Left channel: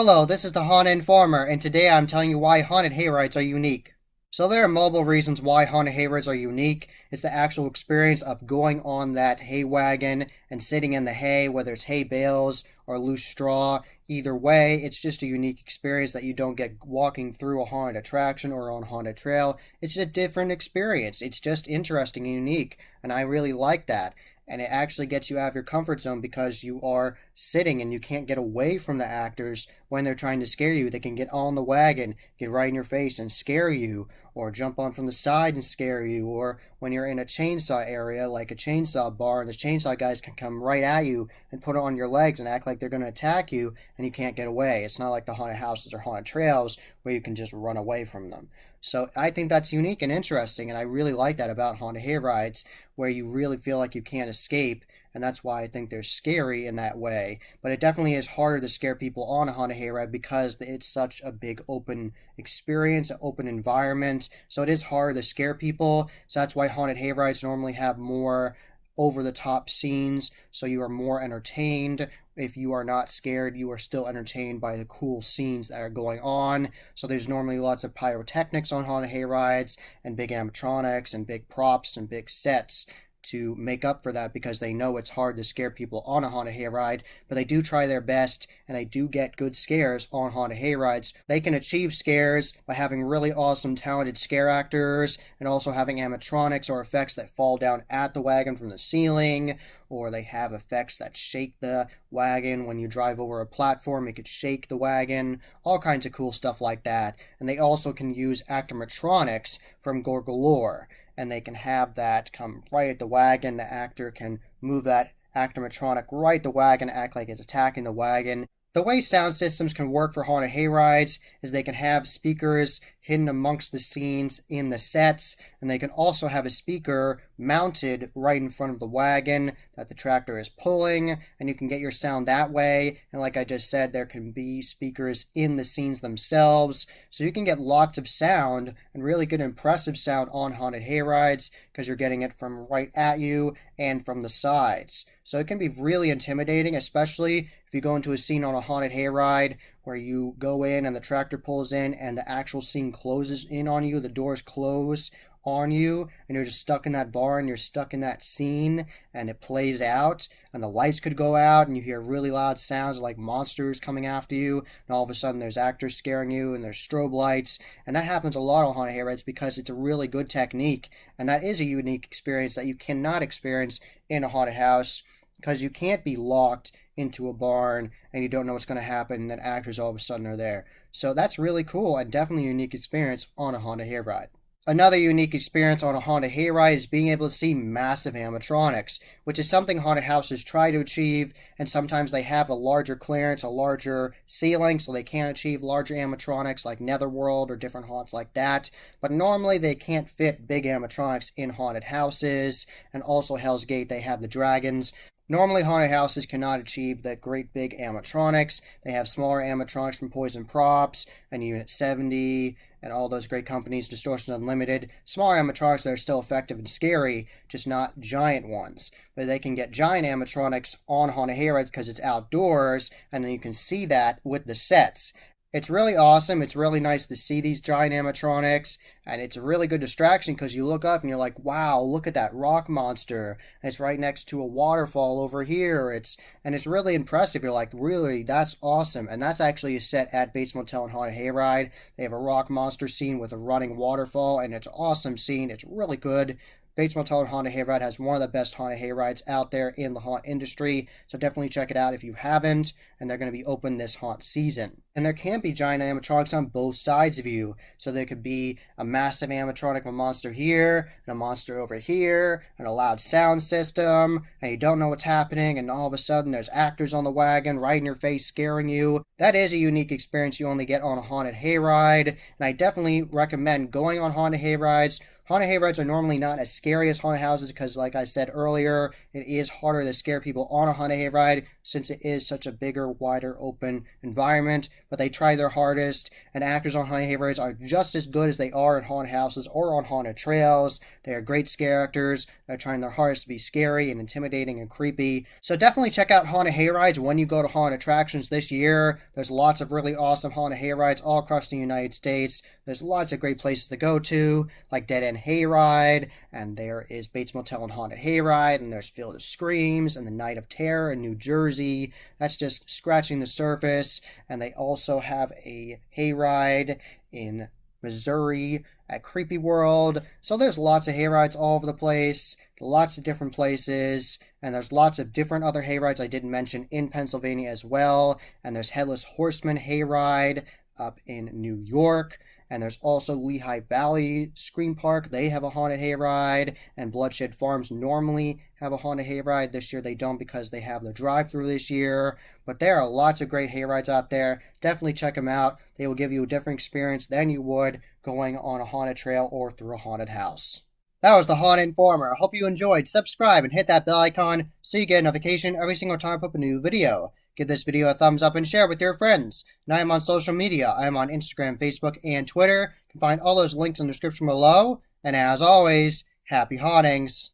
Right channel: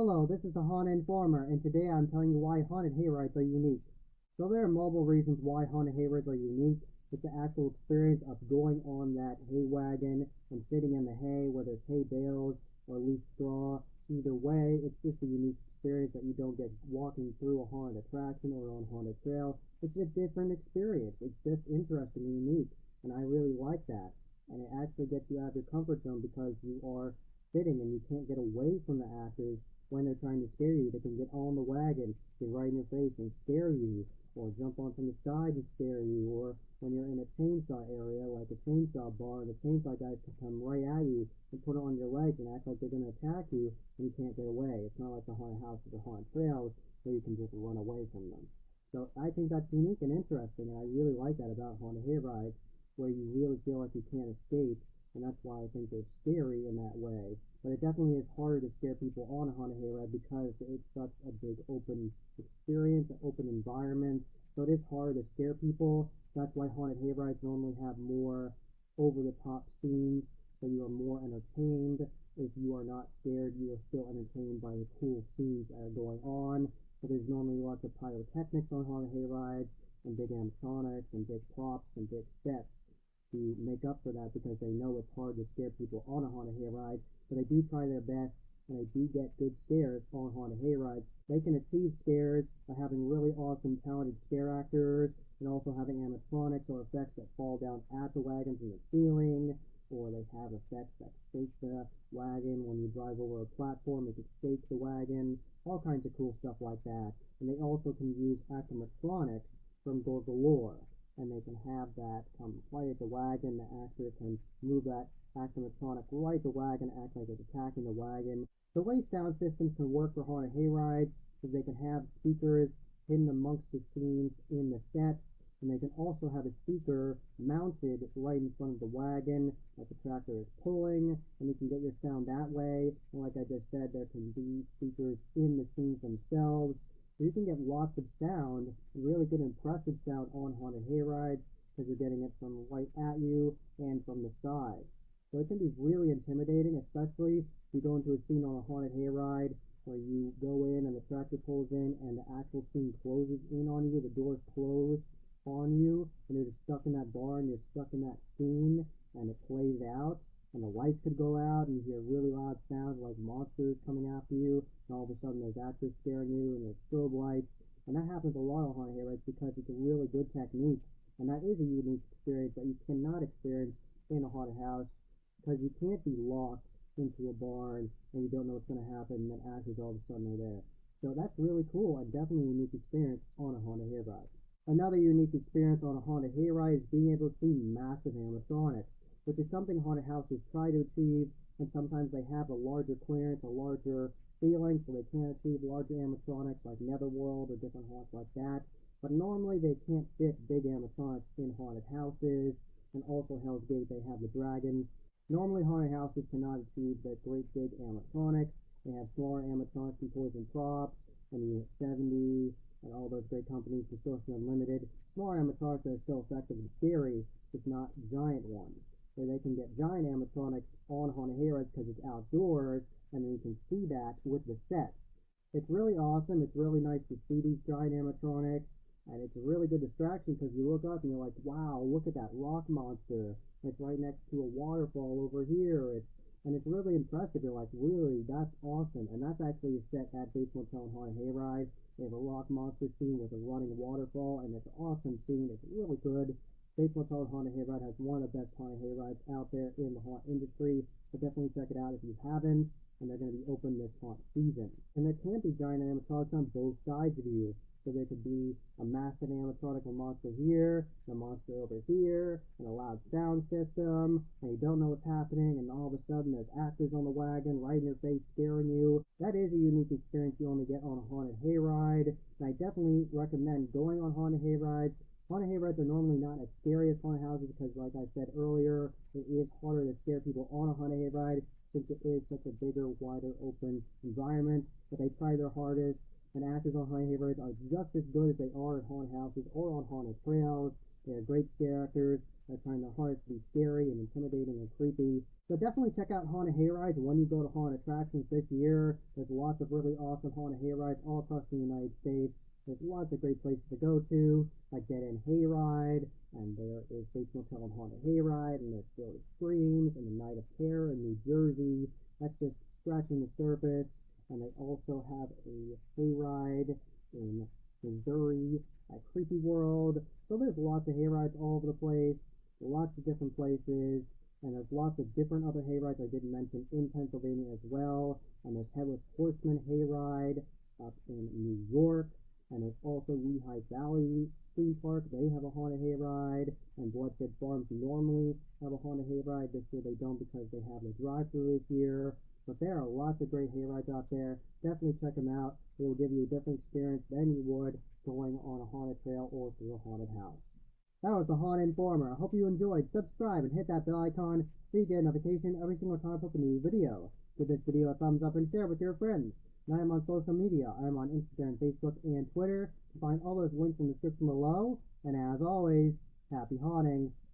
Hello, this is the Haunted Informer, and today I'm telling you why haunted hayrides are unique. So there are multiple reasons why haunted hayrides are unique. It's the actual experience of going on that hay wagon and sitting in the hay, whether it's hay bales or loose straw. Either way, it's just a unique experience that you don't get walking through a haunted attraction or on a haunted trail. It's a different experience. It's just interesting and unique, and I really like that. And it actually gets you out of your comfort zone because you are sitting and you can't get away from the actors when they're trying to scare you. They can get on the wagon, get right in your face and scare you, or jump on from the side and scare you, or when you're in a chainsaw area like a chainsaw bar and the chainsaw guys can come right at you and put it on your legs and act like they're going to attack you and you can't get away. It's not like the haunted houses or haunted trails where you can just run away from them. So I think that's unique and interesting, and I really like that about haunted hayrides, where you really feel like you can't escape, and that's why I think they're scary in that way. But it definitely is harder to scare people on a haunted hayride because it's such a big open experience, an open environment. So it is hard to scare people. So that's why haunted hayrides normally have more over the top scenes, so you are more entertained. If you are not scared, you are still entertained by the cool scenes that are going on. So there's normally lots of pyrotechnics on haunted hayrides and big animatronics and big props and big sets to make up for that because they know it's hard to scare people on a haunted hayride, but they do try their best and they do get good scares on haunted hayrides. They can achieve scares by having really awesome, talented scare actors and also having animatronics or effects that fall down at the wagon from the ceiling, or they have effects that shake the wagon when you drive over a platform. It could shake the wagon, all kinds of cool stuff like that. And they also can use actomatronics from Gorgalore, and they can have that come right at the wagon. The actor can move that actomatronic right at the wagon, act like it's attacking the wagon. The way sound systems can work for haunted hayrides is they can have speakers hidden amongst the scenes in the sets, and they can also have a speaker mounted right in front of the wagon that the tractor is pulling, and you can get your sound that way. And like I just said, there can be speakers in the scenes themselves, so you can get lots of sound and really good impressive sound on haunted hayrides because you're getting it from right at you and from the sides. So it can be really intimidating, especially if you go into a scene on a haunted hayride where you go in and the tractor pulls in and the actual scene closes in on you, the doors close on you, and you're just stuck in that bar and you're stuck in that scene and it plays out and the lights could go out and you hear really loud sounds like monsters coming after you, and all of a sudden there's actors scaring you and there's strobe lights. And that happens a lot on haunted hayrides because it's a really good technique, and that is a unique experience that you cannot experience in a haunted house because you can't be locked into a barn and you don't know what's going to happen and then actors all of a sudden are there. So that's really cool and definitely a unique experience on a haunted hayride. Another unique experience on a haunted hayride is being able to see massive animatronics, which is something haunted houses try to achieve, and sometimes they have a larger clearance, a larger ceiling, so they can't achieve larger animatronics like Netherworld or different haunts like that. But normally they can't fit big animatronics in haunted houses, and also Hell's Gate, they have the dragons. Normally, haunted houses cannot achieve the great big animatronics. They have smaller animatronics from Poison Props and Unit 70 and all those great companies, Distortion Unlimited. Smaller animatronics that are still effective and scary, just not giant ones. But they can get giant animatronics on haunted hayrides because it's outdoors, and then you can see that with the sets. It's really awesome. It's really nice to see these giant animatronics, and it's a really good distraction because you look up and you're like, wow, look at that rock monster. It's right next to a waterfall over here. It's really impressive. You're like, really, that's awesome. And that's actually a set at Bates Motel and Haunted Hayride. They have a rock monster scene with a running waterfall, and it's an awesome scene. It's really good. Bates Motel and Haunted Hayride has one of the best haunted hayrides out there in the haunt industry, so definitely check it out if you haven't, and they're going to be open this haunt season. And there can be giant animatronics on both sides of you, so there could be a massive animatronic of a monster here, and a monster over here, and a loud sound system, and you don't know what's happening, and all of a sudden there's actors on the wagon right in your face scaring you. That is a unique experience you only get on a haunted hayride, and I definitely recommend going on haunted hayrides. Haunted hayrides are normally not as scary as haunted houses because, like I said earlier, it is harder to scare people on a haunted hayride since it is such a bigger, wider, open environment. But they try their hardest, and actors on haunted hayrides are just as good as they are in haunted houses or on haunted trails. They are great scare actors. They're trying their hardest to be scary and intimidating and creepy. So definitely check out haunted hayrides when you go to haunted attractions this year. There's lots of really awesome haunted hayrides all across the United States. There's lots of great places to go to, like Dead End Hayride, and there is Bates Motel and Haunted Hayride, and there's Field of Screams and the Night of Terror in New Jersey. That's just scratching the surface. And they also have a hayride in Missouri at Creepy World. So there's lots of hayrides all over the place, lots of different places, and there's lots of different other hayrides I didn't mention in Pennsylvania as well. And there's Headless Horseman Hayride up in New York. And there's also Lehigh Valley Scream Park. They have a haunted hayride. And Bloodshed Farms normally have a haunted hayride. This year they don't because they have the drive-thru this year. But there are lots of great hayrides out there. Definitely check them out. They will give you a different experience than you would going on a haunted trail or through a haunted house. That was the Haunted Informer. I hope you enjoyed. Subscribe and hit that bell icon so you get a notification every single time I put up a new video. Give this video a thumbs up and share with your friends. And I am on social media. I am on Instagram, Facebook, and Twitter. You can find all those links in the description below. And as always, happy hauntings.